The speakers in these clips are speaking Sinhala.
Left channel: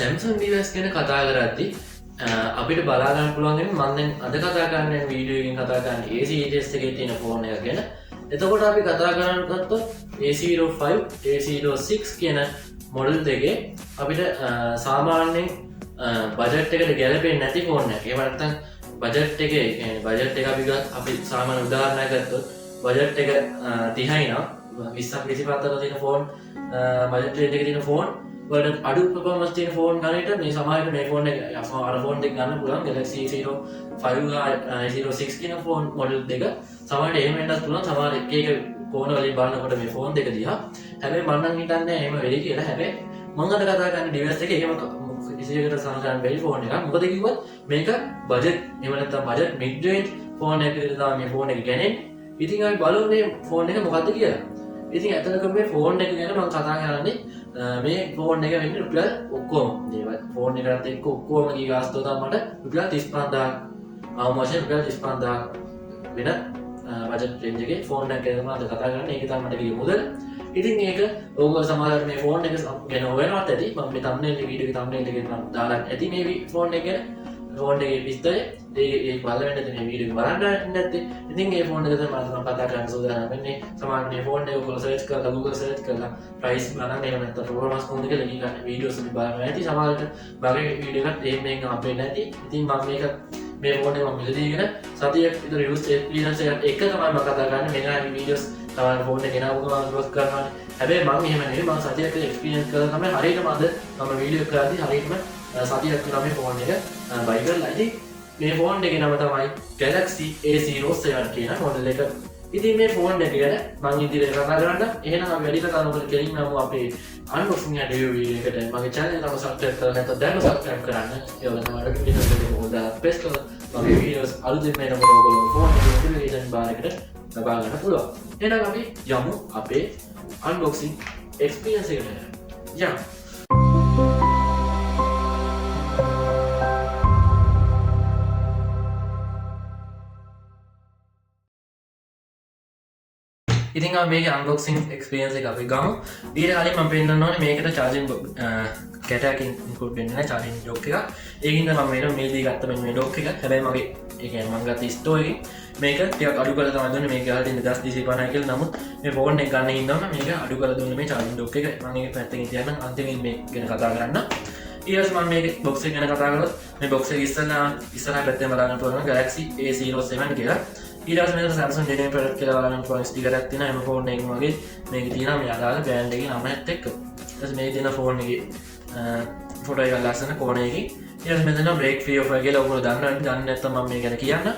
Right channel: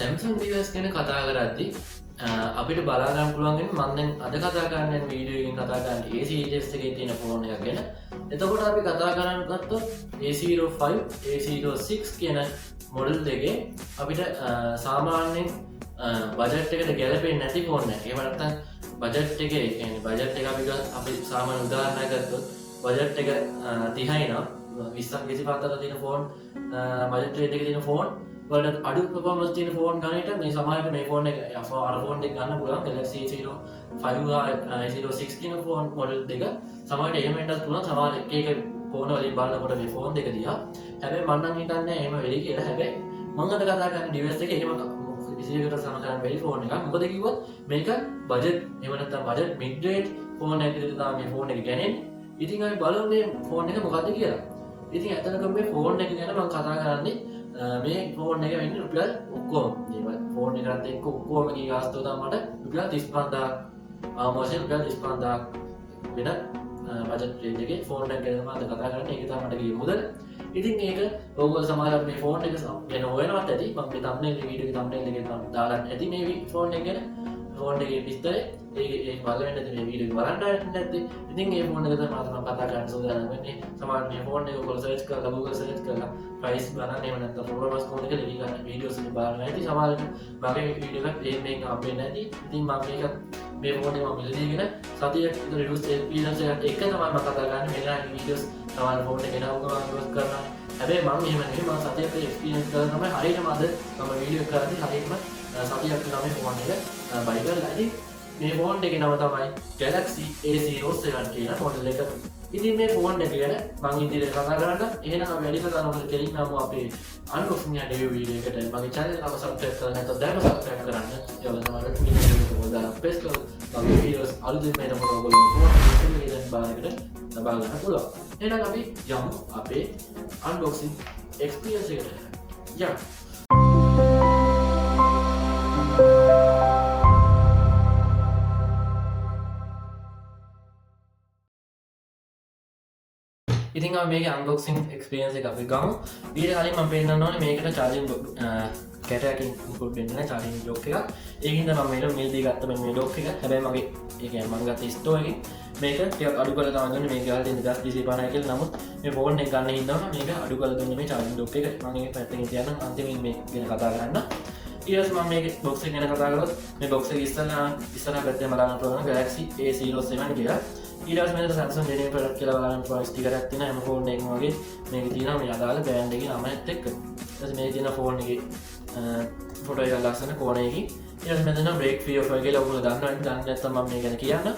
Samsung device ගැන කතා කරද්දි අපිට බලා ගන්න පුළුවන් මම දැන් අද කතා කරන්නේ වීඩියෝ එකකින් කතා කරන්නේ A-series එකේ තියෙන ෆෝන් එක ගැන. එතකොට අපි කතා කරන්න ගත්තොත් A05 A06 කියන මොඩල් දෙකේ අපිට සාමාන්‍යයෙන් බජට් එකට ගැලපෙන්නේ නැති ෆෝන් එකක්. ඒ වගේම බජට් එකේ කියන්නේ බජට් එක අපි සාමාන්‍ය උදාහරණයක් ගත්තොත් බජට් එක 30යි නම් 20ක් 25ක් අතර තියෙන ෆෝන් බජට් රේට් එකේ තියෙන ෆෝන් වලට අඩු performance තියෙන ෆෝන් ගන්නට මේ සමහරවිට මේ ෆෝන් එක අර ෆෝන් දෙක ගන්න පුළුවන් Galaxy A05 A06 කියන ෆෝන් මොඩල් දෙක සමහරවිට එහෙම වෙන්නත් පුළුවන් සමහර එක ෆෝන වලින් බලනකොට මේ ෆෝන් දෙක දිහා හැබැයි මම නම් හිතන්නේ එහෙම වෙලි කියලා හැබැයි මම අද කතා කරන ඩිවයිස් එකේ එහෙම කිසියකට සමහරවිට බැරි ෆෝන් එකක් මොකද කිව්වොත් මේක බජට් එහෙම නැත්නම් බජට් මිඩ් රේන්ජ් ෆෝන් එකකට තමයි මේ ෆෝන් එක ගන්නේ ඉතින් අපි බලමු මේ ෆෝන් එක මොකක්ද කියලා ඉතින් ඇත්තටම මේ ෆෝන් එක ගැන මම කතා කරන්නේ මේ ෆෝන් එක වෙන්නේ රුපියල් ඔක්කොම දේවල් ෆෝන් එකකට එක්ක ඔක්කොම ගාස්තුව තමයි රුපියල් 35000 ආමෝෂන් රුපියල් 35000 වෙන බජට් රේන්ජ් එකේ ෆෝන් එක ගැන මම කතා කරන්නේ ඒක තමයි මට ගිය මුදල ඉතින් මේක ඔයගොල්ලෝ සමහරවිට මේ ෆෝන් එක ගැන හොයනවත් ඇති මම මේ thumbnail වීඩියෝ thumbnail එකේ දාලා ඇති මේ ෆෝන් එක ගැන ෆෝන් එකේ විස්තරය ඒ බලවෙන්න තියෙන වීඩියෝ බලන්න නැත්නම් ඉතින් මේ ෆෝන් එක තමයි මම කතා කරන්න සූදානම් වෙන්නේ සමහර මේ ෆෝන් එක ඔයගොල්ලෝ සර්ච් කරලා Google සර්ච් කරලා ප්‍රයිස් බලන්න එහෙම නැත්නම් performance කොහොමද කියලා ලියලා වීඩියෝස් වලින් බලන්න ඇති සමහරවිට මගේ වීඩියෝ එකත් මේක හම්බෙන්නේ නැති ඉතින් මම මේ ෆෝන් එක මම මිලදීගෙන සතියක් විතර යූස් එක්ස්පීරියන්ස් එකත් එක තමයි මම කතා කරන්නේ මෙන්න වීඩියෝස් සමහර ෆෝන් එක ගෙනාවුම මම ගොස් කරනවා හැබැයි මම එහෙම නෙවෙයි මම සතියක් එක්ස්පීරියන්ස් කරලා තමයි හරියටම අද මම වීඩියෝ කරද්දී හරියටම සතියක් විතර මේ ෆෝන් එක බයි කරලා ඉතින් මේ ෆෝන් එකේ නම තමයි Galaxy A07 කියන මොඩල් එක. ඉතින් මේ ෆෝන් එක ගැන මම ඉදිරියට කතා කරන්න. එහෙනම් වැඩි කතා නොකර කෙලින්ම අපේ අන්බොක්සිං වීඩියෝ එකට මගේ channel එක subscribe කරලා නැත්නම් දැන් subscribe කරන්න. ඒ වගේම notification එක දාලා press කරලා මගේ videos අලුතින් මේන ඔයගොල්ලෝ ෆෝන් එකේ notification bar එකට ලබා ගන්න පුළුවන්. එහෙනම් අපි යමු අපේ unboxing experience එකට. යමු. ඉතින් මේක අන්බොක්සිං එක්ස්පීරියන්ස් එක අපි ගමු. ඊට කලින් මම පෙන්නන්න ඕනේ මේකට charging කැට එකකින් ඉන්ක්ලූඩ් වෙන්නේ නැහැ charging dock එකක්. ඒකින්ද මම මේක මිලදී ගත්ත මේ dock එක. හැබැයි මගේ ඒ කියන්නේ මම ගත්ත ස්ටෝර් එකේ මේක ටිකක් අඩු කරලා තමයි දුන්නේ. මේක ගාලා තියෙන 1250 කියලා. නමුත් මේ ෆෝන් එක ගන්න හින්දාම මේක අඩු කරලා දුන්නේ මේ charging dock එක. මම ඒක පැත්තකින් තියන්න අන්තිමින් මේ ගැන කතා කරන්න. ඊළඟට මම මේක box එක ගැන කතා කරලා මේ box එක ඉස්සරහා පැත්තේ බලන්න පුළුවන් Galaxy A07 කියලා. ඊට පස්සේ Samsung genuine product කියලා බලන්න පුළුවන් ස්ටිකර් එකක් තියෙනවා. එම ෆෝන් එකකින් වගේ මේක තියෙනවා මේ අදාළ බ්‍රෑන්ඩ් එකේ නමත් එක්ක. ඊට මේක තියෙන ෆෝන් එකේ ෆොටෝ එක ලස්සන කෝණයකින්. ඊට පස්සේ මෙතන break free offer කියලා ඔයගොල්ලෝ දන්නේ නැත්නම් මම මේ ගැන කියන්න.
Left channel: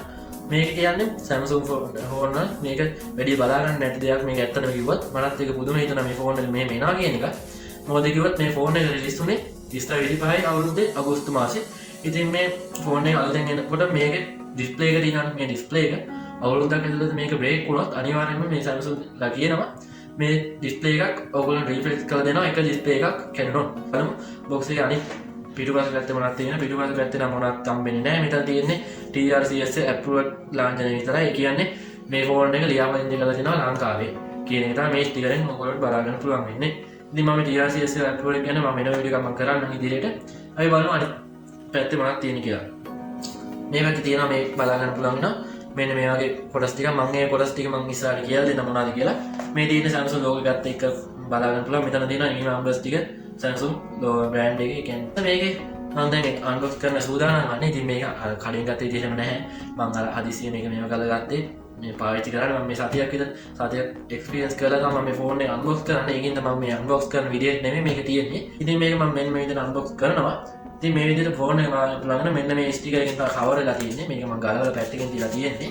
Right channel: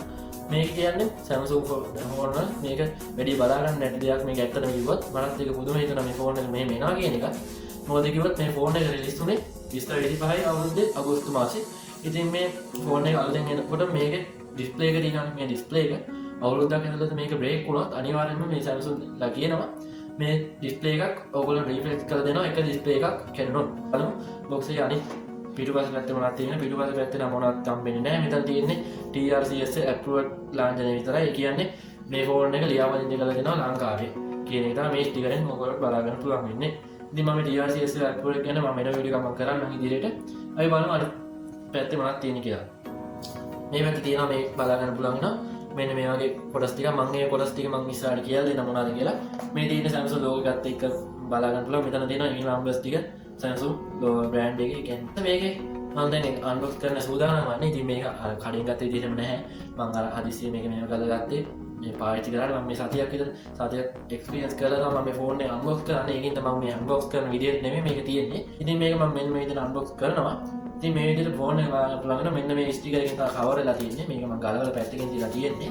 මේක කියන්නේ Samsung ෆෝන් මේක වැඩි බලා ගන්න නැති දෙයක් මේක ඇත්තටම කිව්වොත් මටත් ඒක පුදුම හිතෙනවා මේ ෆෝන් එක මෙහෙම එනවා කියන එක. මොකද කිව්වොත් මේ ෆෝන් එක රිලීස් වුණේ 25 අවුරුද්දේ අගෝස්තු මාසේ. ඉතින් මේ ෆෝන් එක අලුතෙන් එනකොට මේකේ ඩිස්ප්ලේ එක තියෙනවා මේ ඩිස්ප්ලේ එක අවුරුද්දක් ඇතුළත මේක බ්‍රේක් වුණොත් අනිවාර්යයෙන්ම මේ Samsung ලා කියනවා මේ ඩිස්ප්ලේ එකක් ඔයගොල්ලෝ රීෆ්‍රෙෂ් කරලා දෙනවා එක ඩිස්ප්ලේ එකක් කැඩුණොත්. බලමු බොක්ස් එකේ අනිත් පිටුපස පැත්තේ මොනවද තියෙන්නේ පිටුපස පැත්තේ නම් මොනවත් හම්බෙන්නේ නැහැ. මෙතන තියෙන්නේ TRCS approved ලාංඡනය විතරයි. ඒ කියන්නේ මේ ෆෝන් එක ලියාපදිංචි කරලා තියෙනවා ලංකාවේ කියන එක තමයි මේ ස්ටිකරෙන් ඔයගොල්ලෝ බලා ගන්න පුළුවන් වෙන්නේ. ඉතින් මම TRCS approved කියන මම වෙන වීඩියෝ එකක් කරන්න ඉදිරියට. අපි බලමු අනිත් පැත්තේ මොනවද තියෙන්නේ කියලා. මේ පැත්තේ තියෙනවා මේ බලා ගන්න පුළුවන් වෙනවා. මෙන්න මේ වගේ කොටස් ටික මම මේ කොටස් ටික මම ඉස්සරහට කියලා දෙන්න මොනවද කියලා මේ තියෙන Samsung logo එකත් එක්ක බලා ගන්න පුළුවන් මෙතන තියෙන මේ numbers ටික Samsung logo brand එකේ කියන්නේ මේකේ මම දැන් unbox කරන්න සූදානම් වන්නේ ඉතින් මේක කලින් ගත්තේ විදිහම නැහැ මම අර හදිසියෙ මේක මේව කරලා ගත්තේ මේ පාවිච්චි කරලා මම මේ සතියක් විතර සතියක් එක්ස්පීරියන්ස් කරලා තමයි මේ ෆෝන් එක unbox කරන්නේ ඒකින්ද මම මේ unbox කරන වීඩියෝ එක නෙමෙයි මේක තියෙන්නේ ඉතින් මේක මම මෙන්න මේ විදිහට unbox කරනවා ඉතින් මේ විදිහට ෆෝන් එක බලන්න මෙන්න මේ ස්ටිකර් එකෙන් තමයි කවර් වෙලා තියෙන්නේ මේක මම ගලවලා පැත්තකින් තියලා තියෙන්නේ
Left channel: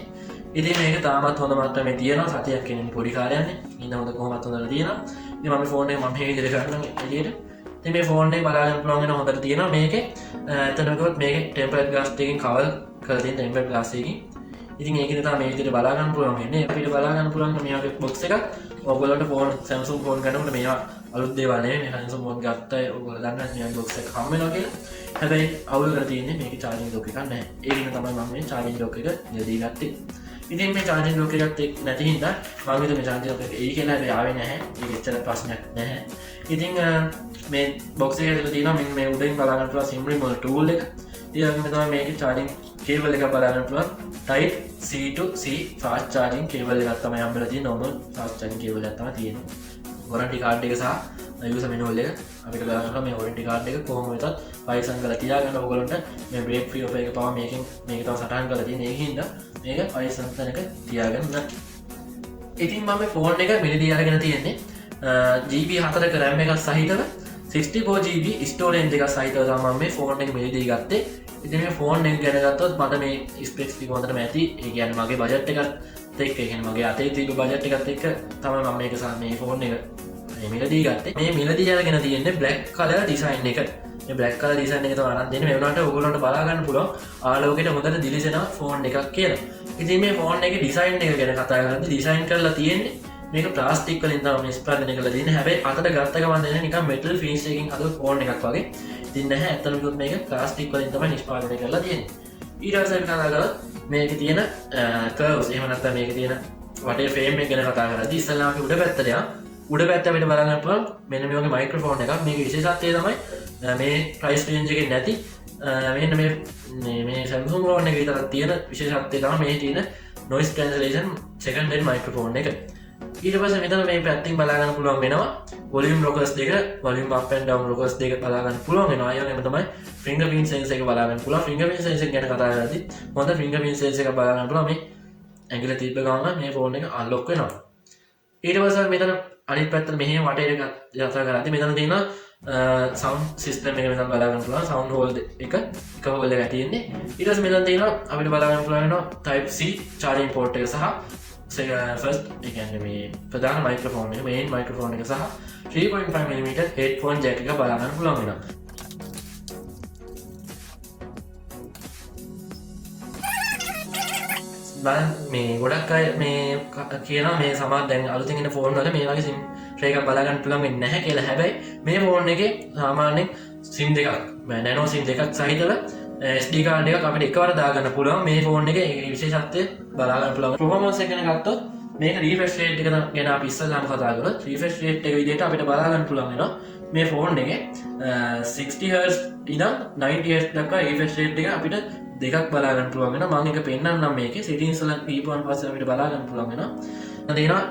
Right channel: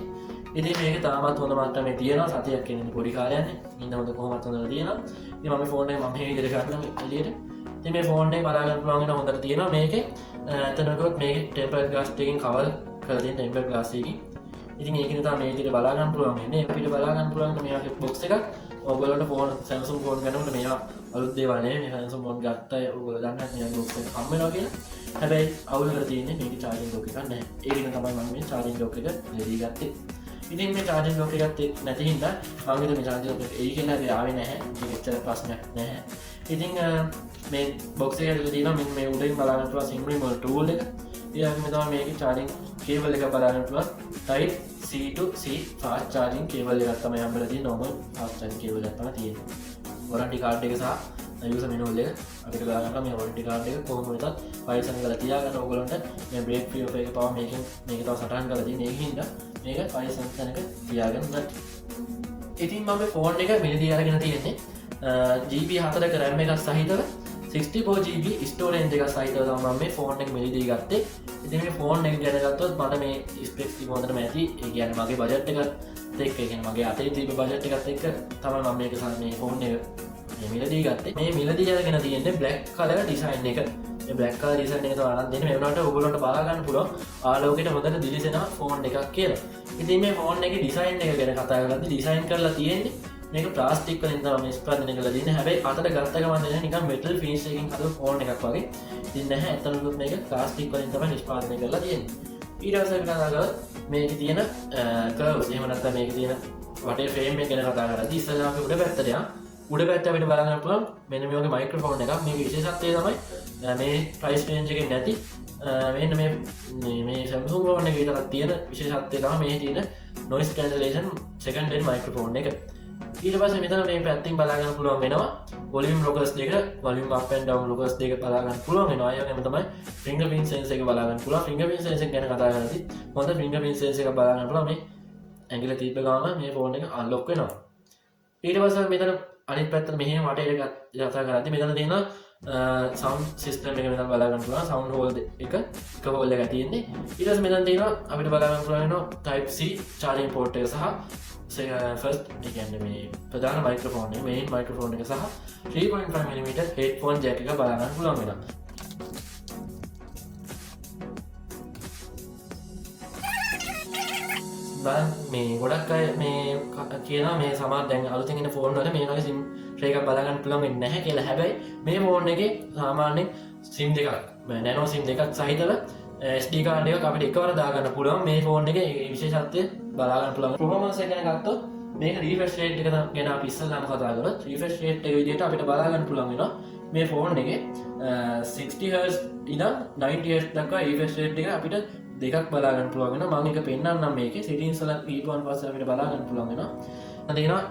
ඉතින් මේක තාමත් හොඳ මට්ටමේ තියෙනවා සතියක් කියන්නේ පොඩි කාලයක්නේ ඉන්න හොඳ කොහොමද හොඳට තියෙනවා ඉතින් මම ෆෝන් එක මම මේ විදිහට ගන්නවා එළියට ඉතින් මේ ෆෝන් එක බලා ගන්න පුළුවන් වෙන හොඳට තියෙනවා මේකේ එතනකොත් මේකේ ටෙම්පර්ඩ් ග්ලාස් එකකින් කවර් කරලා තියෙන ටෙම්පර්ඩ් ග්ලාස් එකකින් ඉතින් ඒකෙන් තමයි මේ විදිහට බලා ගන්න පුළුවන් වෙන්නේ අපිට බලා ගන්න පුළුවන් මේ වගේ බොක්ස් එකක් ඔයගොල්ලන්ට ෆෝන් Samsung ෆෝන් ගන්නකොට මේවා අලුත් දේවල් නෙමෙයි මේ Samsung ෆෝන් ගත්තා ඔයගොල්ලෝ දන්නවා මේ බොක්ස් එක හම් වෙනවා කියලා හැබැයි අවුල කරලා තියෙන්නේ මේකේ charging dock එකක් නැහැ ඒකෙන් තමයි මම මේ charging dock එක දෙදී ගත්තේ ඉතින් මේ charging dock එකත් නැති හින්දා මම හිතුවේ මේ charging dock එක ඒ කියලා හැබැයි ආවේ නැහැ ඒක ඇත්තට ප්‍රශ්නයක් නැහැ ඉතින් මේ බොක්ස ඇතුල තියෙනවා මෙන්න මේ උඩින් බලන්න පුළුවන් SIM removal tool එක. ඊළඟට තමයි මේකේ charging cable එක බලන්න පුළුවන් type C to C fast charging cable එකක් තමයි හම්බෙලා තියෙන්නේ. normal fast charging cable එකක් තමයි තියෙන්නේ. warranty card එක සහ user manual එක අපිට බලන්න පුළුවන්. මේ warranty card එක කොහොම වෙතත් ෆයිල් සංගල තියාගන්න ඕගොල්ලන්ට මේ brake fluid එක පවා මේක තව සටහන් කරලා තියෙන්නේ. ඒකින්ද මේක ෆයිල් සංගලක තියාගන්න. ඉතින් මම ෆෝන් එක මිලදී අරගෙන තියෙන්නේ GB 4ක RAM එකක් සහිතව 64GB ස්ටෝරේජ් එකක් සහිතව තමයි මේ ෆෝන් එක මිලදී ගත්තේ. ඉතින් මේ ෆෝන් එක ගැන ගත්තොත් මට මේ ස්පෙක්ස් ටික හොඳටම ඇති. ඒ කියන්නේ මගේ බජට් එකත් එක්ක, ඒ කියන්නේ මගේ අතේ තිබ්බ බජට් එකත් එක්ක තමයි මම මේක මේ ෆෝන් එක මිලදී ගත්තේ. මේ මිලදී අරගෙන තියෙන්නේ black color design එක. මේ black color design එක තමයි අරන් දෙන්නේ. මේ වුණාට ඔයගොල්ලන්ට බලා ගන්න පුළුවන් ආලෝකයට හොඳට දිලිසෙන ෆෝන් එකක් කියලා. ඉතින් මේ ෆෝන් එකේ ඩිසයින් එක ගැන කතා කරද්දී ඩිසයින් කරලා තියෙන්නේ මේක ප්ලාස්ටික් වලින් තමයි ස්පන්දනය කරලා තියෙන්නේ. හැබැයි අතට ගත්ත ගමන් දෙන නිකන් මෙටල් ෆේස් එකකින් අද ෆෝන් එකක් වගේ. ඉතින් නැහැ ඇත්තටම මේක ප්ලාස්ටික් වලින් තමයි නිෂ්පාදනය කරලා තියෙන්නේ. ඊට පස්සේ අපි කතා කරලා මේකේ තියෙන කර්ව්ස් එහෙම නැත්නම් මේකේ තියෙන වටේ ෆ්‍රේම් එක ගැන කතා කරද්දී ඉස්සෙල්ලා අපි උඩ පැත්තට යමු. උඩ පැත්ත අපිට බලන්න පුළුවන් මෙන්න මේ වගේ මයික්‍රොෆෝන් එකක්. මේකේ විශේෂත්වය තමයි මේ ප්‍රයිස් රේන්ජ් එකේ නැති මෙන්න මේ Samsung ෆෝන් එකේ විතරක් තියෙන විශේෂත්වය තමයි මේ තියෙන noise cancellation secondary microphone එක. ඊට පස්සේ මෙතන මේ පැත්තෙන් බලා ගන්න පුළුවන් වෙනවා volume rockers දෙක, volume up and down rockers දෙක බලා ගන්න පුළුවන් වෙනවා. ඒ වගේම තමයි fingerprint sensor එක බලා ගන්න පුළුවන්. fingerprint sensor ගැන කතා කරද්දී හොඳ fingerprint sensor එකක් බලා ගන්න පුළුවන්. මේ ඇඟිල්ල තිබ්බ ගමන් මේ ෆෝන් එක unlock වෙනවා. ඊට පස්සේ මෙතන අනිත් පැත්තට මෙහෙම වටේට යතා කරද්දී මෙතන තියෙන sound system එක මෙතන බලා ගන්න පුළුවන්. sound hole එක hole එකක් තියෙන්නේ. ඊට පස්සේ මෙතන තියෙනවා අපිට බලා ගන්න පුළුවන් වෙනවා type C charging port එක සහ first මේ ප්‍රධාන මයික්‍රොෆෝන් එක main මයික්‍රොෆෝන් එක සහ 3.5mm headphone jack එක බලා ගන්න පුළුවන් වෙනවා. මේ ගොඩක් අය මේ කියනවා මේ සමහර දැන් අලුතින් එන ෆෝන් වල මේ වගේ SIM tray එකක් බලා ගන්න පුළුවන් වෙන්නේ නැහැ කියලා. හැබැයි මේ ෆෝන් එකේ සාමාන්‍යයෙන් SIM දෙකක් nano SIM දෙකක් සහිතව SD card එකක් අපිට එකවර දාගන්න පුළුවන්. මේ ෆෝන් එකේ විශේෂත්වය බලා ගන්න පුළුවන්. performance එක ගැන ගත්තොත් මේක refresh rate එක ගැන අපි ඉස්සෙල්ලාම කතා කරලා refresh rate එක විදිහට අපිට බලා ගන්න පුළුවන් වෙනවා. මේ ෆෝන් එකේ 60Hz ඉඳන් 90Hz දක්වා refresh rate එක අපිට දෙකක් බලා ගන්න පුළුවන් වෙනවා. මම එක පෙන්නන්නම් මේකේ settings වල දීපුවාන් පස්සේ අපිට බලා ගන්න පුළුවන් වෙනවා. තියෙනවා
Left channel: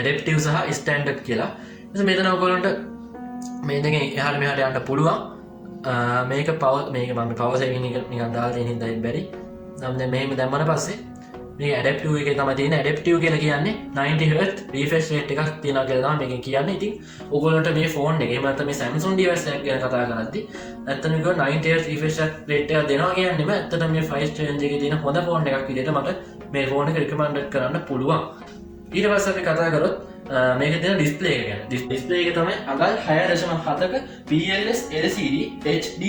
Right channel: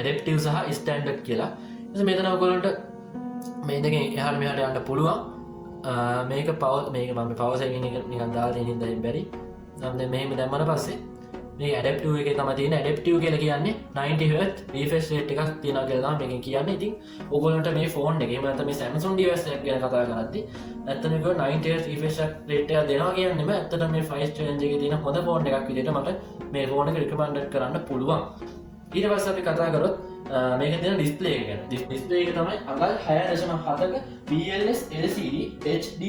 adaptive සහ standard කියලා. ඉතින් මෙතන ඔයගොල්ලන්ට මේ දෙකෙන් එහාට මෙහාට යන්න පුළුවන්. මේක පවර් මේක මම පවර් සේවිං එක නිකන් දාලා තියෙන හින්දා බැරි. නම් දැන් මෙහෙම දැම්මම පස්සේ මේ adaptive එකේ තමයි තියෙන. adaptive කියලා කියන්නේ 90Hz refresh rate එකක් තියනවා කියලා මේකෙන් කියන්නේ. ඉතින් ඔයගොල්ලන්ට මේ ෆෝන් එකේ එහෙම නැත්නම් මේ Samsung device එක ගැන කතා කරද්දී නැත්නම් මේක 90Hz refresh rate එකක් දෙනවා කියන්නේම ඇත්තටම මේ price range එකේ තියෙන හොඳ ෆෝන් එකක් විදිහට මට මේ ෆෝන් එක recommend කරන්න පුළුවන්. ඊට පස්සේ අපි කතා කරොත් මේක තියෙන ඩිස්ප්ලේ එක ගැන. ඩිස්ප්ලේ එක තමයි අගල් 6.7ක PLS LCD HD+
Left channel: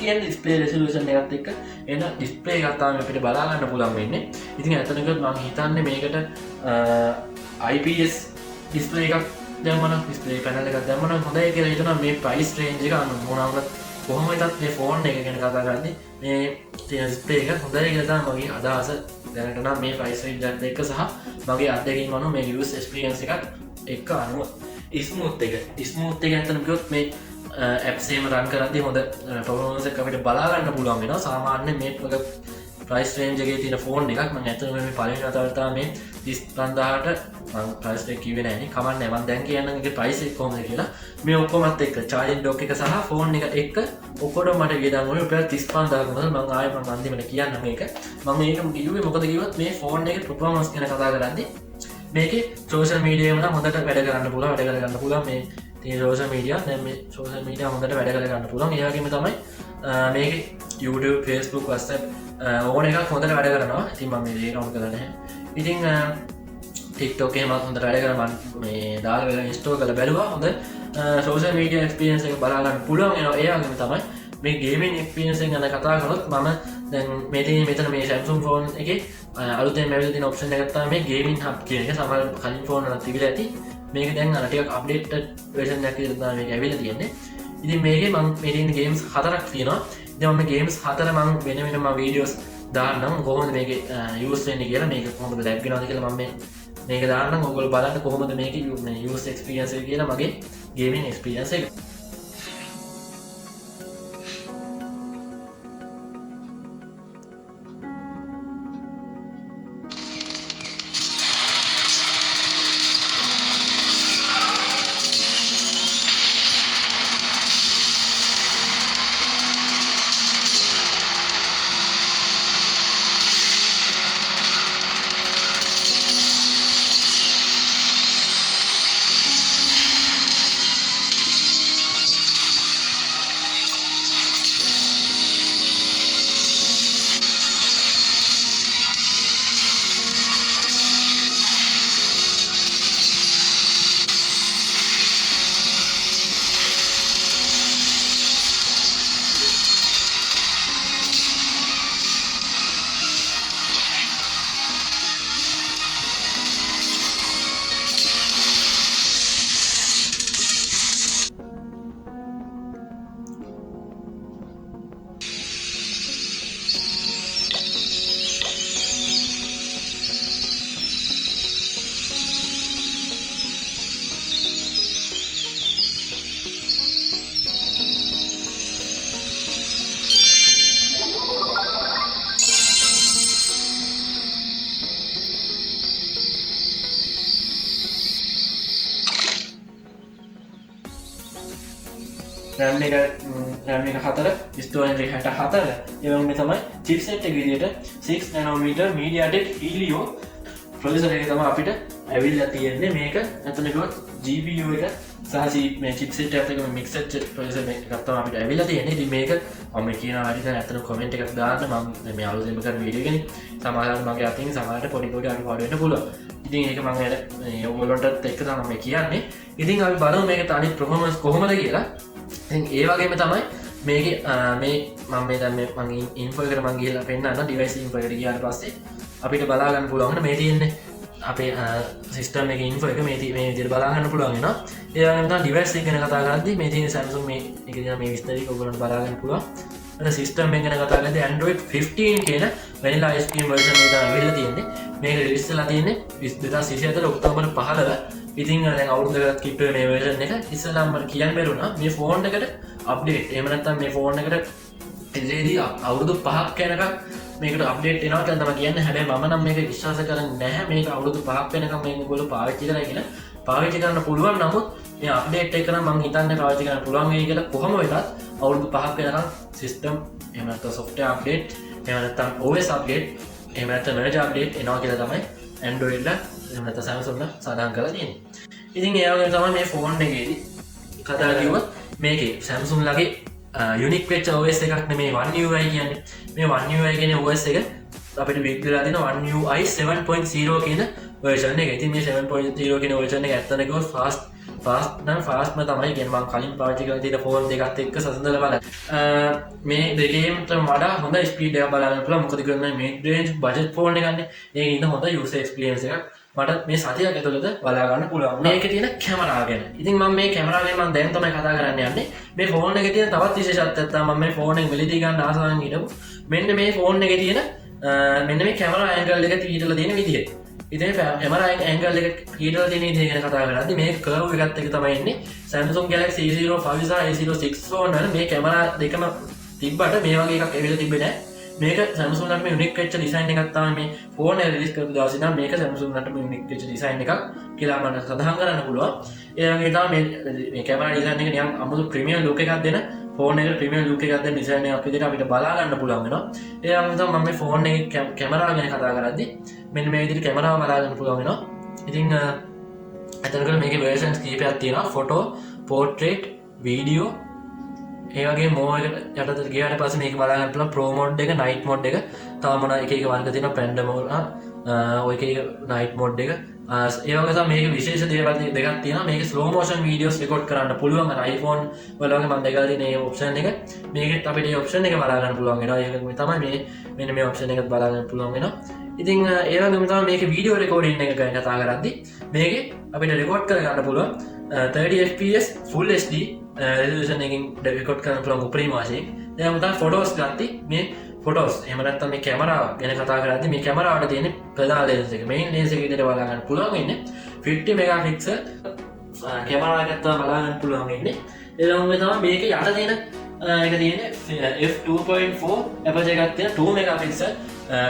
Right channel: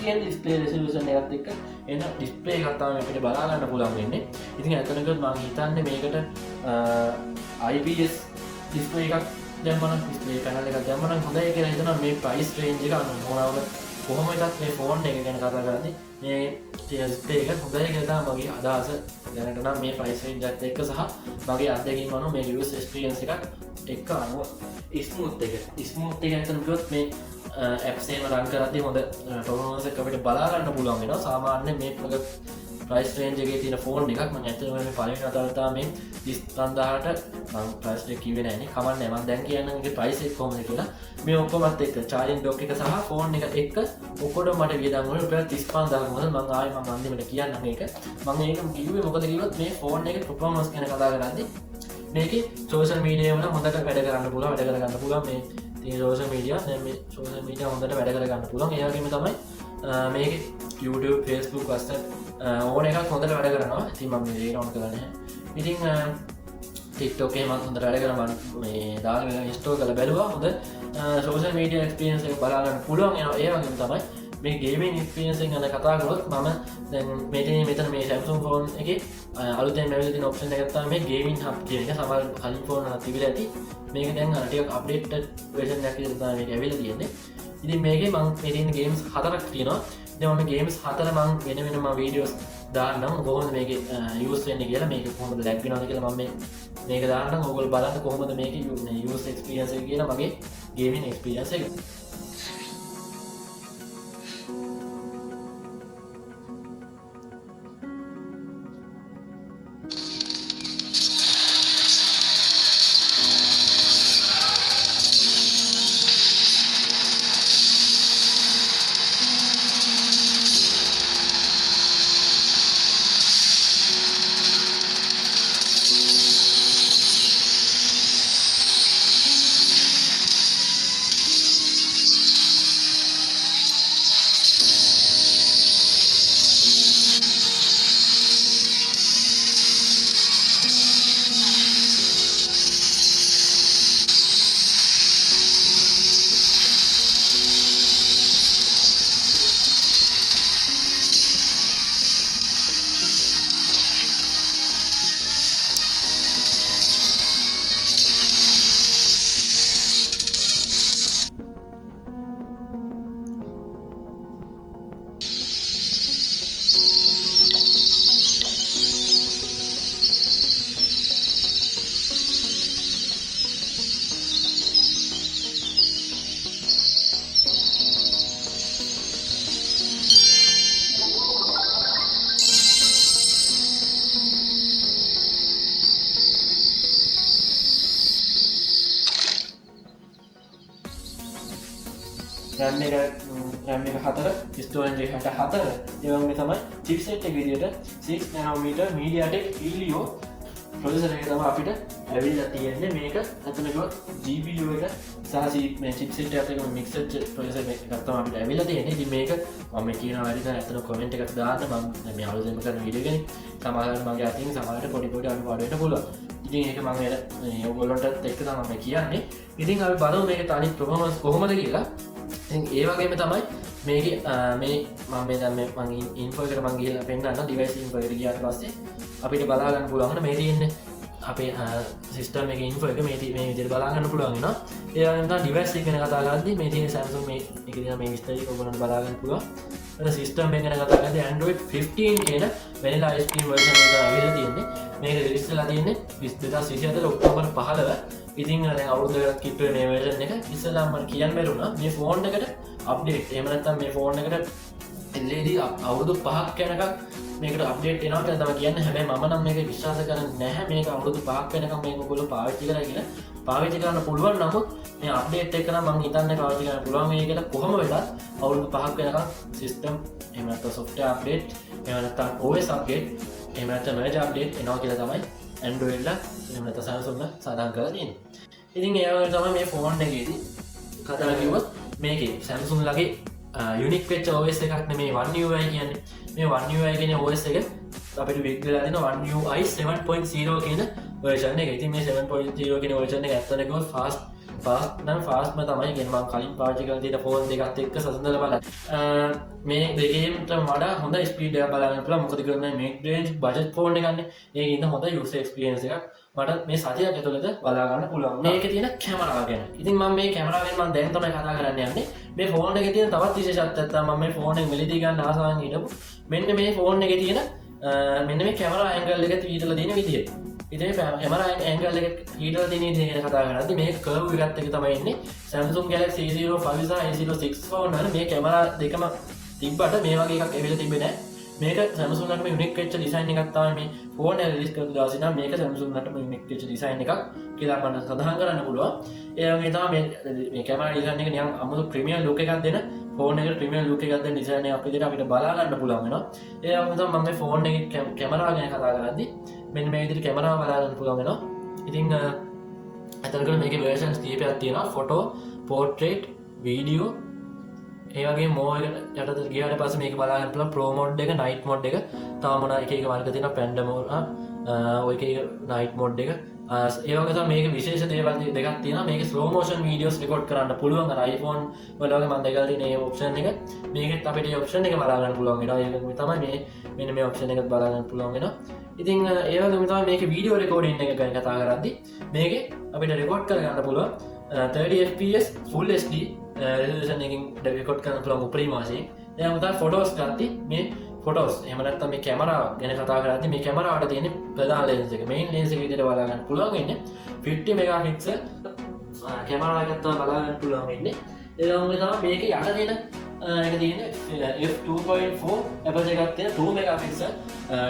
කියන ඩිස්ප්ලේ රෙසලූෂන් එකත් එක්ක එන ඩිස්ප්ලේ එකක් තමයි අපිට බලා ගන්න පුළුවන් වෙන්නේ. ඉතින් ඇත්තටම මම හිතන්නේ මේකට IPS ඩිස්ප්ලේ එකක් දැම්මම ඩිස්ප්ලේ පැනල් එකක් දැම්මම හොඳයි කියලා හිතනවා. මේ ප්‍රයිස් රේන්ජ් එක අනුව කොහොම වෙතත් මේ ෆෝන් එක ගැන කතා කරද්දී මේ ඩිස්ප්ලේ එක හොඳයි කියලා තමයි මගේ අදහස. දැනට නම් මේ ප්‍රයිස් රේන්ජ් එකත් එක්ක සහ මගේ අත්දැකීම් අනුව මේ යූස් එක්ස්පීරියන්ස් එකත් එක්ක අනුව ස්මූත් එක ඇත්තටම කිව්වොත් මේ ඇප්ස් එහෙම රන් කරද්දී හොඳ පර්ෆෝමන්ස් එකක් අපිට බලා ගන්න පුළුවන් වෙනවා. සාමාන්‍ය මේ ප්‍රයිස් රේන්ජ් එකේ තියෙන ෆෝන් එකක් මම ඇත්තටම මේ පළවෙනි වතාවට තමයි මේ 35000ට මම ප්‍රයිස් එක කිව්වේ නැහැ නේ. කමන්නේ මම දැන් කියන්නම් ඒකේ ප්‍රයිස් එක කොහොමද කියලා. මේ ඔක්කොමත් එක්ක charging dock එක සහ ෆෝන් එක එක්ක ඔක්කොම මට වියදම් වුණේ රුපියල් 35000ක මොකද මම ආයෙ මම අන්තිමට කියන්න මේක. මම මේක කිව්වේ මොකද කිව්වොත් මේ ෆෝන් එකේ performance ගැන කතා කරද්දී මේකේ social media වුණා හොඳට වැඩ කරන්න පුළුවන් මේ තියෙන social media දැන් මේ social media හොඳට වැඩ කරගන්න පුළුවන්. ඒ වගේම තමයි මේකේ YouTube Facebook WhatsApp ඕන එකක් හොඳට වැඩ කරනවා. ඉතින් මම මේ දේ නෝට් කරලා නැහැ. ඉතින් TikTok එකේ මම හොඳට වැඩ කරා. මම මේ දාලා වෙලා ඉන්ස්ටෝල් කරලා බැලුවා. හොඳ social media experience එක බලා ගන්න පුළුවන් වෙනවා. ඒ වගේම තමයි මේ gaming experience එක ගැන කතා කරොත් මම දැන් මේ තියෙන මෙතන මේ Samsung phone එකේ අලුතෙන් ලැබිලා තියෙන option එකක් තමයි මේ gaming hub කියන එක. සමහර කලින් phone වල තිබිලා ඇති. මේක දැන් අර ටිකක් updated version එකක් විදිහට තමයි මේක ඇවිල්ලා තියෙන්නේ. ඉතින් මේකේ මම මේ තියෙන games 4ක් තියෙනවා. ඉතින් මම games 4 මම වෙන වෙනම videos දාරනම් කොහොමද මේක යස් වෙන්නේ කියලා මේක කොහොමද ලැබ් වෙනවද කියලා මම මේක දාරනම් ඔයගොල්ලෝ බලන්න කොහොමද මේක යස් එක්ස්පීරියන්ස් එක කියලා මගේ ගේමින් එක්ස්පීරියන්ස් එක. RAM එක 4 ස්ටෝරේජ් එක 64 ඒ වගේම තමයි chipset එක විදිහට 6 nanometer MediaTek Helio processor එක තමයි අපිට ඇවිල්ලා තියෙන්නේ. මේක අතන ගොත් GPU එක සහ මේ chipset එකත් එක්ක mix වෙච්ච processor එකක් තමයි අපිට ඇවිල්ලා තියෙන්නේ. ඉතින් මේක මම කියනවා වැඩි අතන comment එකක් දාන්න මම මේ අලුතෙන් කරන වීඩියෝ එකනේ සමහරවිට මගේ අතින් සමහරට පොඩි අඩුපාඩු වෙන්න පුළුවන්. ඉතින් ඒක මම ඔයගොල්ලන්ටත් එක්ක තමයි කියන්නේ. ඉතින් අපි බලමු මේක අනිත් performance කොහොමද කියලා. ඒ වගේම තමයි මේක මේ මම මේ දැන් මගේ ඉන්ෆෝ එකට මම ගිහලා පෙන්නන්න ඩිවයිස් ඉන්ෆෝ එකට ගියාට පස්සේ අපිට බලා ගන්න පුළුවන් මේ තියෙන්නේ අපේ සිස්ටම් එකේ ඉන්ෆෝ එක මේ විදිහට බලා ගන්න පුළුවන් වෙනවා. ඒ වගේම තමයි ඩිවයිස් එක ගැන කතා කරද්දී මේ තියෙන Samsung මේ එක දිහා මේ විස්තර එක ඔයගොල්ලන්ට බලා ගන්න පුළුවන්. එතන සිස්ටම් එක ගැන කතා කරද්දී Android 15 කියන vanilla ice cream version එක තමයි වෙලා තියෙන්නේ. මේක රිලීස් වෙලා තියෙන්නේ 2024 ඔක්තෝබර් 15 ඉතින් දැන් අවුරුද්දකට කිට්ටු මේ version එක ඉස්සෙල්ලාම මම කියන්න බැරුණා මේ ෆෝන් එකට අප්ඩේට් එහෙම නැත්නම් මේ ෆෝන් එකට ඉතින්දී අවුරුදු 5ක් යනකම් මේකට අප්ඩේට් එනවා කියලා තමයි කියන්නේ. හැබැයි මම නම් මේක විශ්වාස කරන්නේ නැහැ. මේක අවුරුදු 5ක් වෙනකම් මේක ඔයගොල්ලෝ පාවිච්චි කරලා කියලා පාවිච්චි කරන්න පුළුවන්. නමුත් මේ අප්ඩේට් එක නම් මම හිතන්නේ පාවිච්චි කරන්න පුළුවන් වෙයි කියලා. කොහොම වෙලත් අවුරුදු 5ක් වෙනකම් සිස්ටම් එහෙම නැත්නම් software update එහෙම නැත්නම් OS update එහෙම නැත්නම් merge update එනවා කියලා තමයි Android ලා එහෙම නැත්නම් Samsung ලා සඳහන් කරලා තියෙන්නේ. ඉතින් ඒ වගේම තමයි මේ ෆෝන් එකේදී කතා කරුවොත් මේකේ Samsung ලගේ යුනික් වෙච්ච OS එකක් නෙමේ One UI කියන්නේ. මේ One UI කියන OS එක අපිට බිග් වෙලා දෙන One UI 7.0 කියන version එක. ඉතින් මේ 7.0 කියන version එක ඇත්තටම කිව්වොත් ෆාස්ට්ම තමයි. කියන්නේ මම කලින් පාවිච්චි කරලා තියෙන ෆෝන් දෙකත් එක්ක සසඳලා බලන්න. මේ දෙකේට වඩා හොඳ ස්පීඩ් එකක් බලන්න පුළුවන්. මොකද කියන්නේ mid range budget ෆෝන් එකක්නේ. ඒකේ ඉන්න හොඳ user experience එකක් මට මේ සතියක් ඇතුළත බලා ගන්න පුළුවන්. මේකේ තියෙන කැමරාව ගැන. ඉතින් මම මේ කැමරාව ගැන මම දැන් තමයි කතා කරන්න යන්නේ. මේ ෆෝන් එකේ තියෙන තවත් විශේෂත්වයක් තමයි මම මේ ෆෝන් එක මිලදී ගන්න ආසාවෙන් හිටපු. මෙන්න මේ ෆෝන් එකේ තියෙන මෙන්න මේ කැමරා ඇන්ගල් එක තීටලා තියෙන විදිය. ඉතින් කැමරා ඇන්ගල් එක තීටලා තියෙන විදිය ගැන කතා කරද්දී මේ කර්ව් එකත් එක තමයි ඉන්නේ. Samsung Galaxy A05 සහ A06 ෆෝන් වල මේ කැමරා දෙකම තිබ්බට මේ වගේ එකක් එවෙල තිබ්බේ නැහැ. මේක Samsung ලට යුනික් වෙච්ච ඩිසයින් එකක් තමයි මේ ෆෝන් එක රිලීස් කරපු දවසේ නම් මේක Samsung ලට යුනික් වෙච්ච ඩිසයින් එකක් කියලා මම සඳහන් කරන්න පුළුවන්. ඒ වගේ තමයි මේ කැමරා ඩිසයින් එක නිකන් අමුතු ප්‍රීමියම් ලුක් එකක් දෙන ෆෝන් එකට ප්‍රීමියම් ලුක් එකක් දෙන ඩිසයින් එකක් විදිහට අපිට බලා ගන්න පුළුවන් වෙනවා. ඒ වගේම තමයි මම මේ ෆෝන් එකේ කැමරාව ගැන කතා කරද්දී මෙන්න මේ විදිහට කැමරාව බලා ගන්න පුළුවන් වෙනවා. ඉතින් අතනකල මේකේ versions කීපයක් තියෙනවා. ෆොටෝ, පෝර්ට්‍රේට්, වීඩියෝ ඒ වගේ මෝ එක යටතට ගියාට පස්සේ මේක බලා ගන්න පුළුවන් ප්‍රෝ මෝඩ් එක, නයිට් මෝඩ් එක, තව මොන එක එක වර්ග තියෙනවා පැන්ඩා මෝඩ් ඔය එක එක නයිට් මෝඩ් එක. ඒ වගේ තමයි මේක විශේෂ දේවල් දෙකක් තියෙනවා. මේක ස්ලෝ මෝෂන් වීඩියෝස් රෙකෝඩ් කරන්න පුළුවන්. අර iPhone වල වගේ මම දැකලා තියෙන මේ ඔප්ෂන් එක. මේකෙත් අපිට මේ ඔප්ෂන් එක බලා ගන්න පුළුවන් වෙනවා. ඒක තමයි මේ මෙන්න මේ ඔප්ෂන් එකත් බලා ගන්න පුළුවන් වෙනවා. ඉතින් ඒ වගේම තමයි මේකේ වීඩියෝ රෙකෝඩින් එක ගැන කතා කරද්දී මේකේ අපිට රෙකෝඩ් කර ගන්න පුළුවන් 30 fps full HD resolution එකකින් රෙකෝඩ් කරන්න පුළුවන් උපරිම වශයෙන්. එහෙනම් තමයි ෆොටෝස් ගත්තී මේ ෆොටෝස් එමනත් මේ කැමරාව ගැන කතා කරද මේ කැමරාවට තියෙන ප්‍රධාන ලෙන්ස් එක මේන් ලෙන්ස් එක විදිහට බලාගන්න පුළුවන් ඉන්නේ 50 මෙගාපික්සල් කැමරාවකත්තා බලාගන්න පුළුවන් ඉන්නේ එලොම තමයි මේක යට තියෙන එක තියෙන f2.4 අපර්චර් එකක් තියෙන 2 මෙගාපික්සල්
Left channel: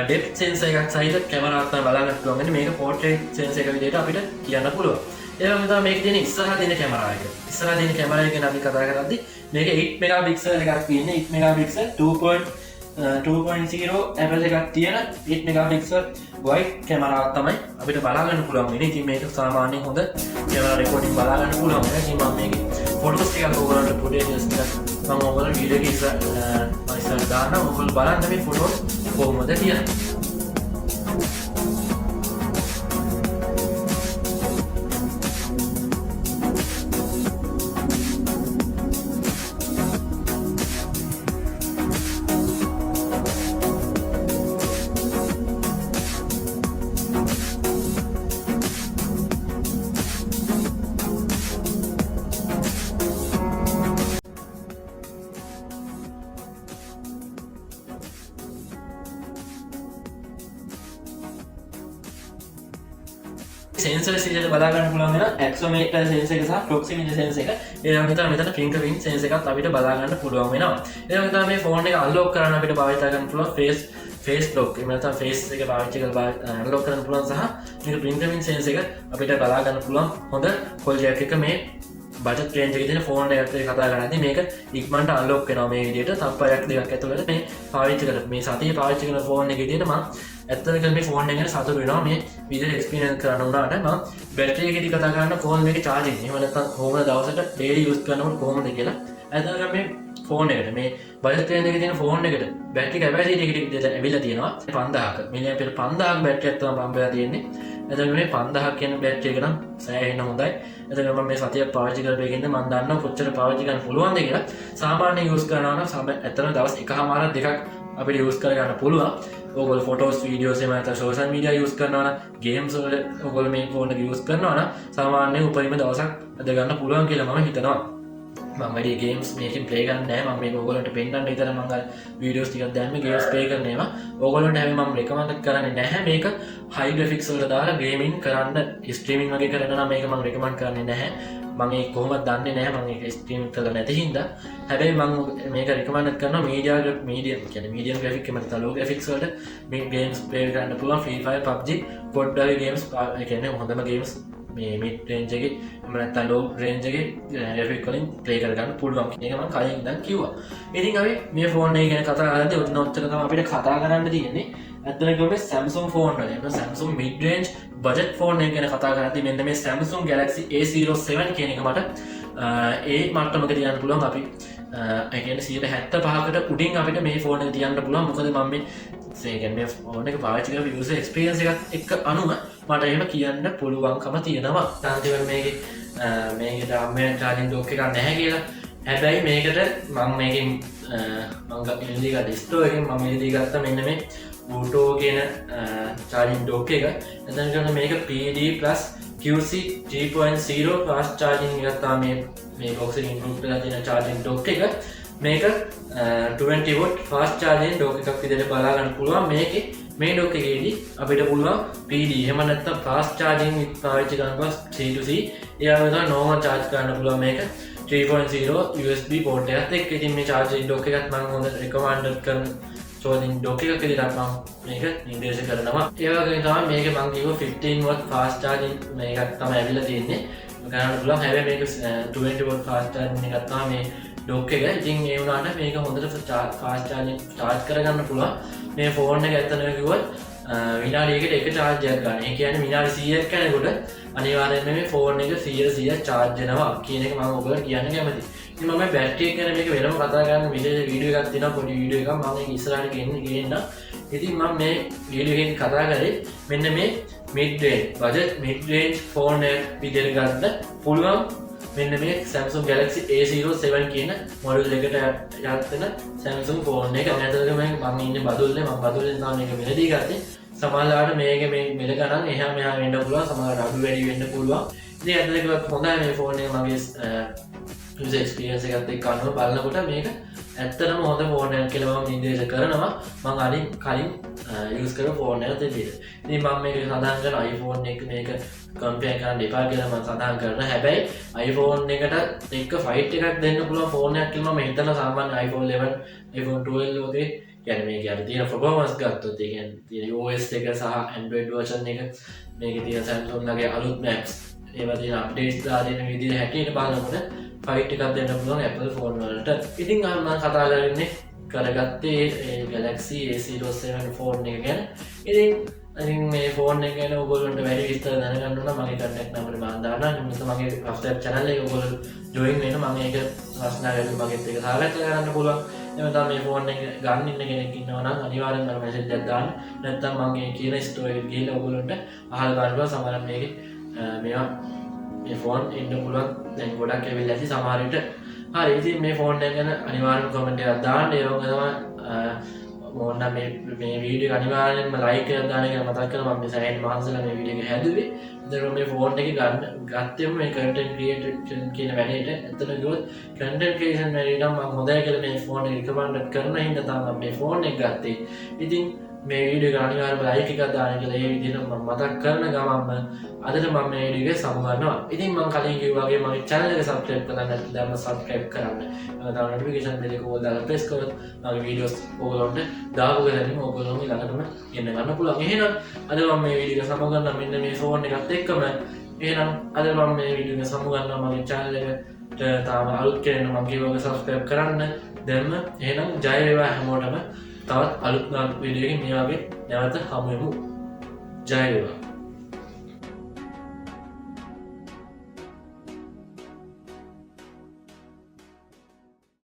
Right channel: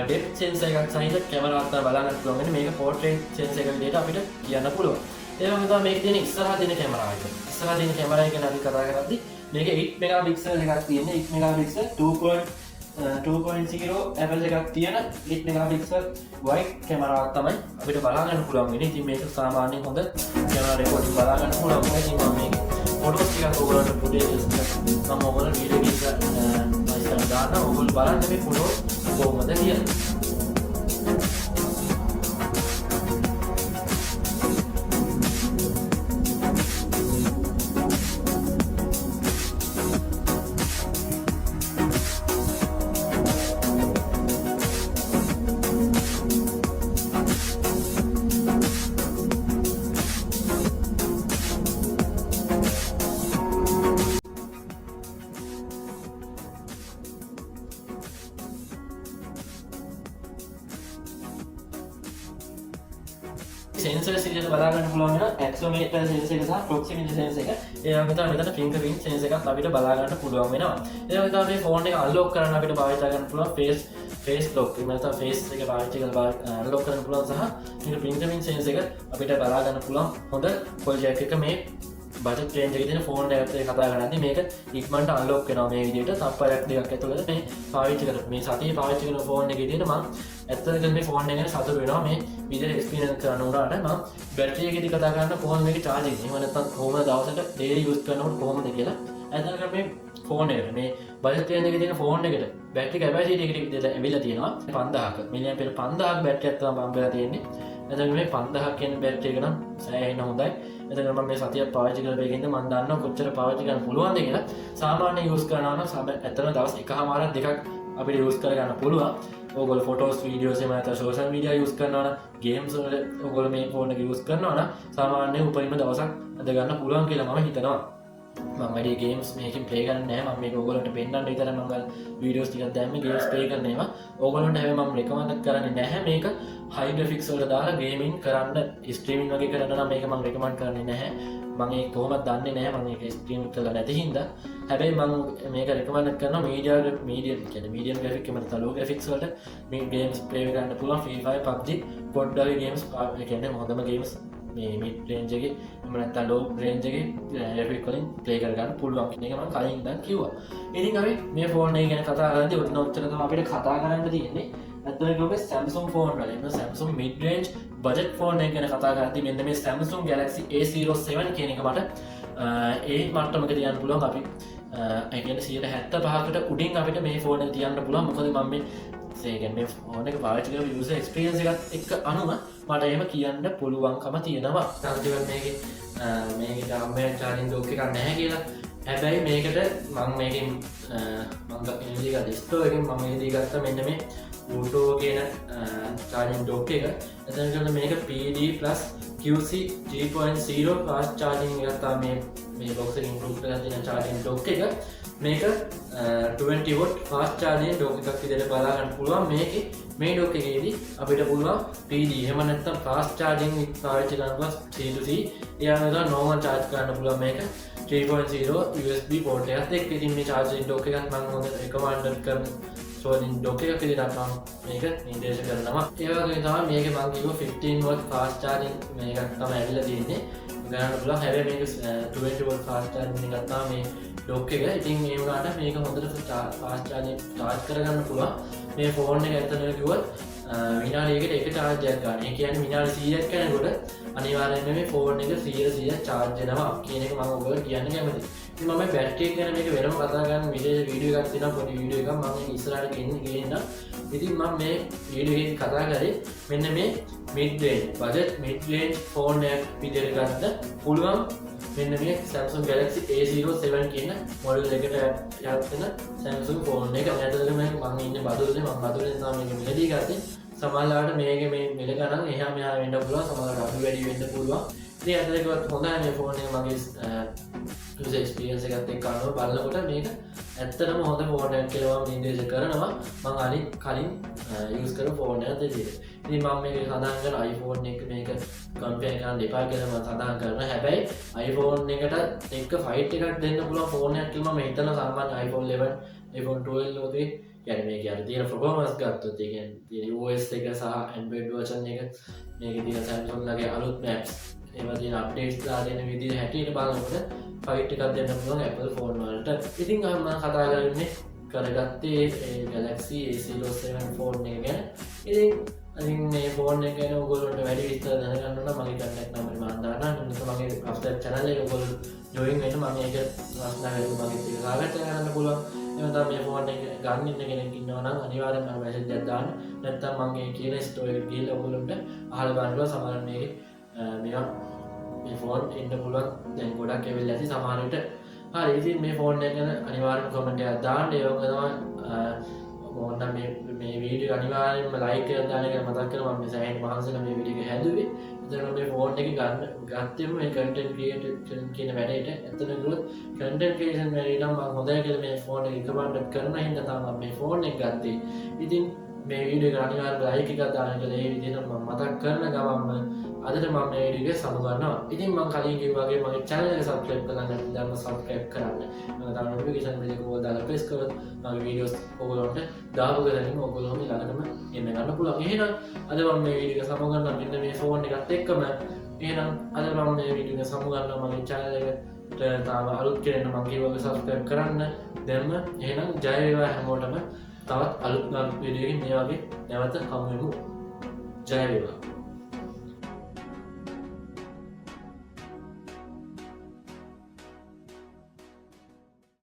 ඩෙප්ත් සෙන්සර් එකක් සහිත කැමරාවක් තමයි බලාගන්න පුළුවන් ඉන්නේ මේක පෝර්ට්‍රේට් සෙන්සර් එක විදිහට අපිට කියන්න පුළුවන් ඒ වගේම තමයි මේක තියෙන ඉස්සරහා තියෙන කැමරාව එක ඉස්සරහා තියෙන කැමරාව එක ගැන අපි කතා කරද්දී මේක 8 මෙගාපික්සල් එකක් තියෙන්නේ 8 මෙගාපික්සල් 2.0 ඇපල් එකක් තියෙන 8 මෙගාපික්සල් වයිඩ් කැමරාවක් තමයි අපිට බලාගන්න පුළුවන් වෙන්නේ. ඉතින් මේක සාමාන්‍යයෙන් හොඳ කැමරා රෙකෝඩින් බලාගන්න පුළුවන් වෙන ඉතින් මම මේකේ ෆොටෝස් ටිකක් ඔයගොල්ලන්ට ෆුටේජස් මම ඔයගොල්ලන්ට වීඩියෝ එකක් ඉස්සර දාන්න ඔයගොල්ලෝ බලන්න මේ ෆොටෝස් කොහොමද කියලා. සෙන්සර් සිලියට බලාගන්න පුළුවන් වෙන ඇක්සෝමීටර් සෙන්සර් එක සහ ප්‍රොක්සිමිටි සෙන්සර් එක. ඒ වගේම තමයි මෙතන ෆින්ගර්ප්‍රින්ට් සෙන්සර් එකත් අපිට බලාගන්න පුළුවන් වෙනවා. ඒ වගේම තමයි මේ ෆෝන් එක අන්ලොක් කරන්න අපිට භාවිත කරන්න පුළුවන් ෆේස් ලොක්. එහෙම නැත්නම් ෆේස් එක පාවිච්චි කරලා අන්ලොක් කරන්න පුළුවන් සහ මේක ෆින්ගර්ප්‍රින්ට් සෙන්සර් එක අපිට බලාගන්න පුළුවන් හොඳ ප්‍රොජෙක්ට් එක මේ බජට් රේන්ජ් එකේ තියෙන ෆෝන් එකත් එක්ක කතා කරද්දී මේක ඉක්මනට අන්ලොක් වෙනවා මේ විදිහට තප්පරයක් දෙකක් ඇතුළත මේ පාවිච්චි කරලා මේ සතියේ පාවිච්චි කරන ෆෝන් එක විදිහට මම ඇත්තටම මේ ෆෝන් එක ගැන සතුටු වෙනවා මේ විදිහට එක්ස්පීරියන්ස් කරන්න උනාට මම බැටරි එකේදී කතා කරන ෆෝන් එකේ charging එහෙම නැත්නම් කොහොමද දවසකට daily use කරනකොට කොහොමද කියලා ඇත්තටම මේ ෆෝන් එකට මේ බජට් රේන්ජ් එකේ තියෙන ෆෝන් එකට බැටරි කැපැසිටි එකට ඇවිල්ලා තියෙනවා 5000ක මිලියම්පියර් 5000ක බැටරියක් තමයි පම්ප් වෙලා තියෙන්නේ එතකොට මේ 5000ක් කියන බැටරි එක නම් සෑහෙන හොඳයි එතකොට මම මේ සතියක් පාවිච්චි කරපේකින්ද මම දන්නවා කොච්චර පාවිච්චි කරන්න පුළුවන්ද කියලා සාමාන්‍ය යූස් කරනවා නම් ඇත්තටම දවස් එකමාරක් දෙකක් අපිට යූස් කරගන්න පුළුවන් ඔයගොල්ලෝ ෆොටෝස් වීඩියෝස් එහෙම නැත්නම් සෝෂල් මීඩියා යූස් කරනවා නම් ගේම්ස් වල ඔයගොල්ලෝ මේ ෆෝන් එක යූස් කරනවා නම් සාමාන්‍යයෙන් උපරිම දවසක් අද ගන්න පුළුවන් කියලා මම හිතනවා මම වැඩි ගේම්ස් මේකෙන් ප්ලේ කරන්නේ නැහැ මම මේක ඔයගොල්ලන්ට පෙන්නන්න විතර මම වීඩියෝස් ටිකක් දැම්මේ ගේම්ස් ප්ලේ කරන ඒවා ඔයගොල්ලන්ට හැබැයි මම රෙකමන්ඩ් කරන්නේ නැහැ මේක හයි ග්‍රැෆික්ස් වලට දාලා ගේමින් කරන්න ස්ට්‍රීමින් වගේ කරන්න නම් මේක මම රෙකමන්ඩ් කරන්නේ නැහැ මම ඒක කොහොමද දන්නේ නැහැ මම ඒක ස්ට්‍රීම් කරලා නැති හින්දා හැබැයි මම මේක රෙකමන්ඩ් කරනවා මීඩියම් කියන්නේ මීඩියම් ග්‍රැෆික් එක මත ලෝ ග්‍රැෆික්ස් වලට මේ ගේම්ස් ප්ලේ කරන්න පුළුවන් ෆ්‍රී ෆයර් PUBG COD වගේ ගේම්ස් ඒ කියන්නේ හොඳම ගේම්ස් මේ මිඩ් රේන්ජ් එකේ එහෙම නැත්නම් ලෝ රේන්ජ් එකේ ග්‍රැෆික් වලින් ප්ලේ කරගන්න පුළුවන් කියන එක මම කලින් ඉඳන් කිව්වා. ඉතින් අපි මේ ෆෝන් එක ගැන කතා කරද්දී ඔතන ඔච්චර තමයි අපිට කතා කරන්න තියෙන්නේ. ඇත්තටම කිව්වොත් Samsung ෆෝන් වල එන්න Samsung mid range budget phone එක ගැන කතා කරද්දී මෙන්න මේ Samsung Galaxy A07 කියන එක මට ඒ මට්ටමක තියන්න පුළුවන් අපි ඒ කියන්නේ 75කට උඩින් අපිට මේ ෆෝන් එක තියන්න පුළුවන්. මොකද මම මේ ෆෝන් එක පාවිච්චි කරලා යූසර් එක්ස්පීරියන්ස් එකත් එක්ක අනුව මට එහෙම කියන්න පුළුවන්කම තියෙනවා. අන්තිමට මේකේ ඩාමේ චාර්ජින් ඩොක් එකක් නැහැ කියලා. හැබැයි මේකට මම මේකෙන් මම ඉල්ලී ගත්ත ස්ටෝර් එකෙන් මම ඉල්ලී ගත්ත මෙන්න මේ Bluetooth කියන චාර්ජින් ඩොක් එක. එතනට මේක PD+ QC 3.0 fast charging එකක් තමයි මේ box එකේ include කරලා තියෙන charging dock එක. මේක 20 watt fast charging dock එකක් විදිහට බලා ගන්න පුළුවන්. මේකේ මේ dock එකේදී අපිට පුළුවන් PD එහෙම නැත්නම් fast charging පාවිච්චි කරනකොට C to C ඊළඟට normal charge කරන්න පුළුවන් මේක 3.0 USB port එකත් එක්ක. ඉතින් මේ charging dock එකත් මම හොඳ recommend කරන charging dock එකක් විදිහට මම මේක නිර්දේශ කරනවා. ඒ වගේම තමයි මේක මම කිව්ව 15 watt fast charging මේකක් තමයි ඇවිල්ලා තියෙන්නේ. ගන්න පුළුවන්. හැබැයි මේක 20 watt fast charging එකක් තමයි මේ dock එක. ඉතින් ඒ වුණාට මේක හොඳට fast charging charge කරගන්න පුළුවන්. මේ ෆෝන් එක ඇත්තටම කිව්වොත් විනාඩියකට එක charge එකක් ගන්න. ඒ කියන්නේ විනාඩි 100ක් යනකොට අනිවාර්යයෙන්ම මේ ෆෝන් එක 100% charge වෙනවා කියන එක මම ඔයගොල්ලෝ කියන්න කැමතියි. ඉතින් මම බැටරි එක ගැන මේක වෙනම කතා කරන්න විශේෂ වීඩියෝ එකක් තියෙනවා පොඩි වීඩියෝ එකක් මම මේක ඉස්සරහට ගේන්න. ඉතින් මම මේ වීඩියෝ එකේදී කතා කරේ මෙන්න මේ mid range budget mid range phone එක විදිහට ගන්න පුළුවන් මෙන්න මේ Samsung Galaxy A07 කියන මොඩල් එකට යත් වෙන Samsung ෆෝන් එක. නැත්නම් මම ඉන්නේ බදුල්ලේ මම බදුල්ලෙන් තමයි මේක මෙලදී ගත්තේ. සමහරවිට මේක මේ මෙල ගණන් එහා මෙහා වෙන්න පුළුවන්. සමහරවිට අඩු වැඩි වෙන්න පුළුවන්. ඉතින් අදට හොඳයි මේ ෆෝන් එක මගේ එක්ස්පිරියන්ස් එකත් එක්ක අනුව බලනකොට මේක ඇත්තටම හොඳ ෆෝන් එකක් කියලා මම නිර්දේශ කරනවා මම කලින් යූස් කරපු ෆෝන් එකත් විදිහට. ඉතින් මම මේක සඳහන් කරන iPhone එක මේක කම්පෙයාර් කරන්න එපා කියලා මම සඳහන් කරනවා. හැබැයි iPhone එකට එක්ක ෆයිට් එකක් දෙන්න පුළුවන් ෆෝන් එකක් කියලා මම හිතනවා සාමාන්‍ය iPhone 11 iPhone 12 වගේ يعني මේක අර තියෙන performance ගත්තොත් ඒ කියන්නේ තියෙන OS එක සහ Android version එක මේකේ තියෙන Samsung ලගේ අලුත් maps ඒවා තියෙන අප්ඩේට්ස් දාලා තියෙන විදිහ හැටියට බලනකොට ෆයිට් එකක් දෙන්න පුළුවන් Apple ෆෝන් වලට. ඉතින් මම කතා කරන්නේ කරගත්තේ Galaxy A07 ෆෝන් එක ගැන. ඉතින් මේ ෆෝන් එක ගැන ඔයගොල්ලන්ට වැඩි විස්තර දැනගන්න නම් මගේ contact number මම දාන්නම්. මිනිස්සු මගේ WhatsApp channel එකේ ඔයගොල්ලෝ join වෙන්න මම මේක ප්‍රශ්න වලින් මගෙත් එක සාකච්ඡා කරන්න පුළුවන්. එහෙම තමයි මේ ෆෝන් එක ගන්න ඉන්න කෙනෙක් ඉන්නවා නම් අනිවාර්යෙන්ම මට message එකක් දාන්න. නැත්නම් මගේ කියන store එකට ගිහලා ඔයගොල්ලන්ට අහලා බලන්න සමහරවිට මේකේ මේවා මේ ෆෝන් ඉන්න පුළුවන් දැන් ගොඩක් ඇවිල්ලා ඇති සමහර විට. හරි ඉතින් මේ ෆෝන් එක ගැන අනිවාර්යෙන්ම කමෙන්ට් එකක් දාන්න. ඒ වගේම තමයි ඕන්න මේ වීඩියෝ එක අනිවාර්යෙන්ම ලයික් කරලා දාන්න කියලා මතක් කරනවා. මම සෑහෙන මාසෙලා මේ වීඩියෝ එක හැදුවේ. ඒතර මේ ෆෝන් එක ගත්තෙම මේ content creation කියන වැඩේට ඇත්තටම කිව්වොත් content creation වැඩේ නම් මම හොඳයි කියලා මේ ෆෝන් එක recommend කරන හින්දා තමයි මේ ෆෝන් එක ගත්තේ. ඉතින් මේ වීඩියෝ එක අනිවාර්යෙන්ම ලයික් එකක් දාන්න කියලා ඒ විදිහට මම මතක් කරන ගමන්ම අදට මම මේ වීඩියෝ එක සමුගන්නවා. ඉතින් මම කලින් කිව්වා වගේ මගේ channel එක subscribe කරලා නැත්නම් දැන්ම subscribe කරන්න. තව notification bell එක ඕල් දාලා press කරොත් මගේ videos ඕගොල්ලන්ට දාපු ගලදීම ඕගොල්ලෝගේ ළඟටම එන්න ගන්න පුළුවන්. එහෙනම් අද මම මේ වීඩියෝ එක සමුගන්නවා මෙන්න මේ ෆෝන් එකත් එක්කම. එහෙනම් අද මම මේ වීඩියෝ එක සමුගන්නවා මගේ channel එකට තාම අලුත් කෙනෙක් නම් මගේ වගේ subscribe කරන්න. දැන්ම එහෙනම් ජය වේවා හැමෝටම. තවත් අලුත් වීඩියෝ එකකින් මේ වගේ නැවත හමු වෙමු. ජය වේවා.